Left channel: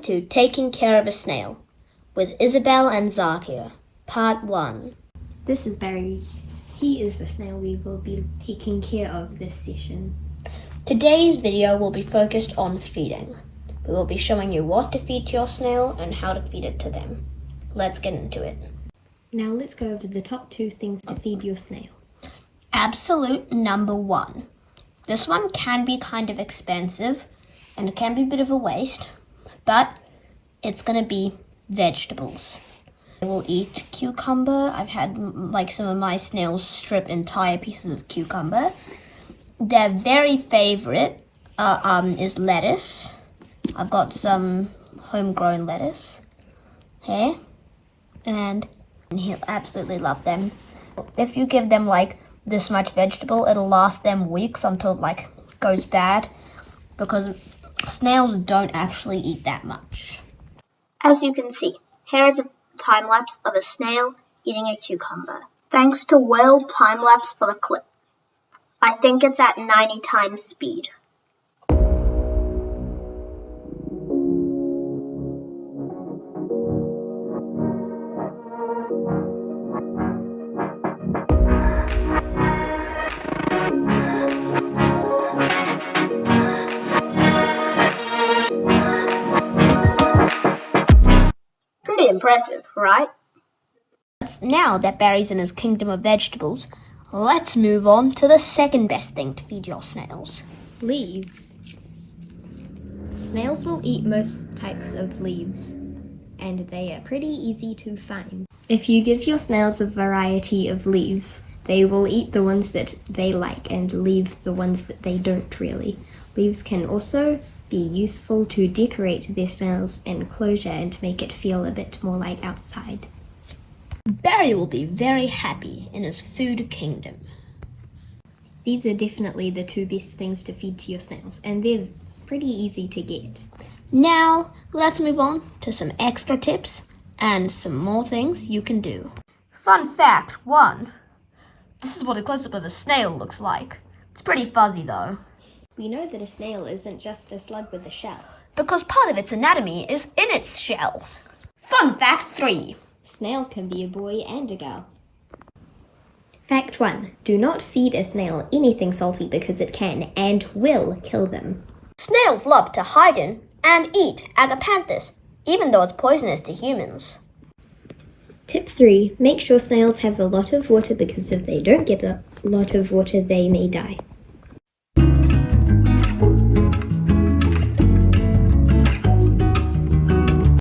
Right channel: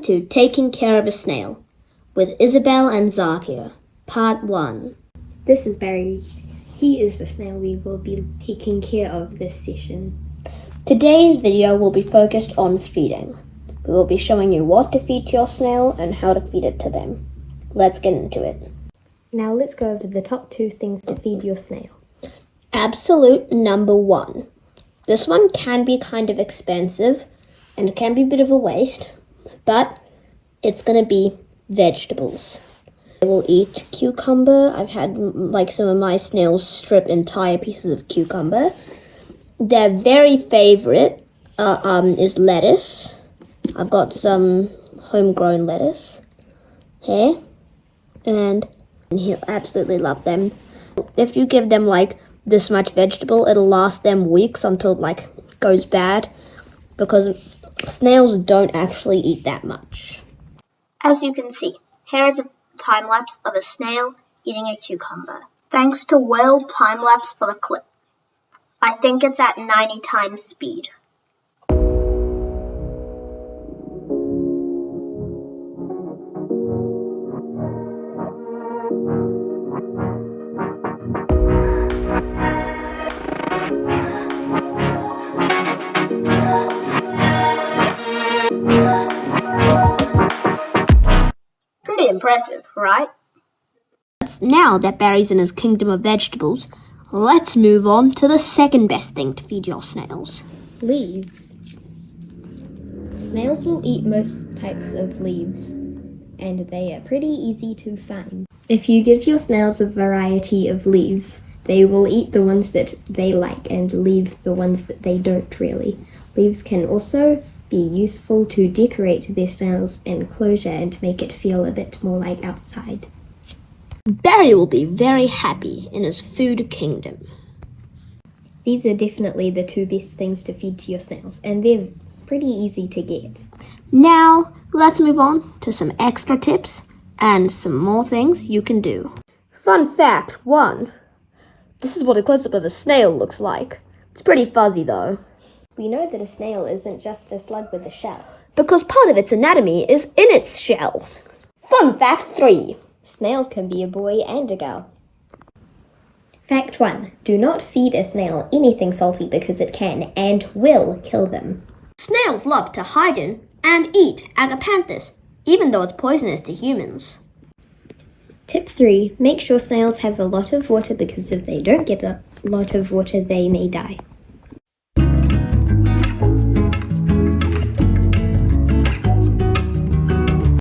Welcome to Taking Care of a Snail with Isabel and Zakia, Part 1. This is Barry. He is the snail we will be taking care of this session. Today's video will be focused on feeding. We will be showing you what to feed to your snail and how to feed it to them. Let's get into it. Now let's go over the top 2 things to feed your snail. Absolute number 1. This one can be kind of expensive and it can be a bit of a waste, but it's going to be vegetables. They will eat cucumber. I've had some of my snails strip entire pieces of cucumber. Their very favorite is lettuce. I've got some homegrown lettuce here, and he'll absolutely love them. If you give them this much vegetable, it'll last them weeks until it goes bad, because snails don't actually eat that much. As you can see, here is a time lapse of a snail eating a cucumber. Thanks to World Time Lapse for the clip. I think it's at 90 times speed. Pretty impressive, right? Now that Barry's in his kingdom of vegetables, let's move on to the second best thing to feed your snails. Leaves. Snails will eat most types of leaves, and they are pretty easy to find. If you give your snails a variety of leaves, they will eat the ones that they like and leave the ones that they don't really. Leaves can also be useful to decorate their snail's enclosure and to make it feel a bit more like outside. Barry will be very happy in his food kingdom. These are definitely the 2 best things to feed to your snails, and they're pretty easy to get. Now, let's move on to some extra tips and some more things you can do. Fun fact 1. This is what a close-up of a snail looks like. It's pretty fuzzy though. We know that a snail isn't just a slug with a shell, because part of its anatomy is in its shell. Fun fact 3. Snails can be a boy and a girl. Fact 1. Do not feed a snail anything salty because it can and will kill them. Snails love to hide in and eat agapanthus, even though it's poisonous to humans. Tip 3. Make sure snails have a lot of water, because if they don't get a lot of water, they may die.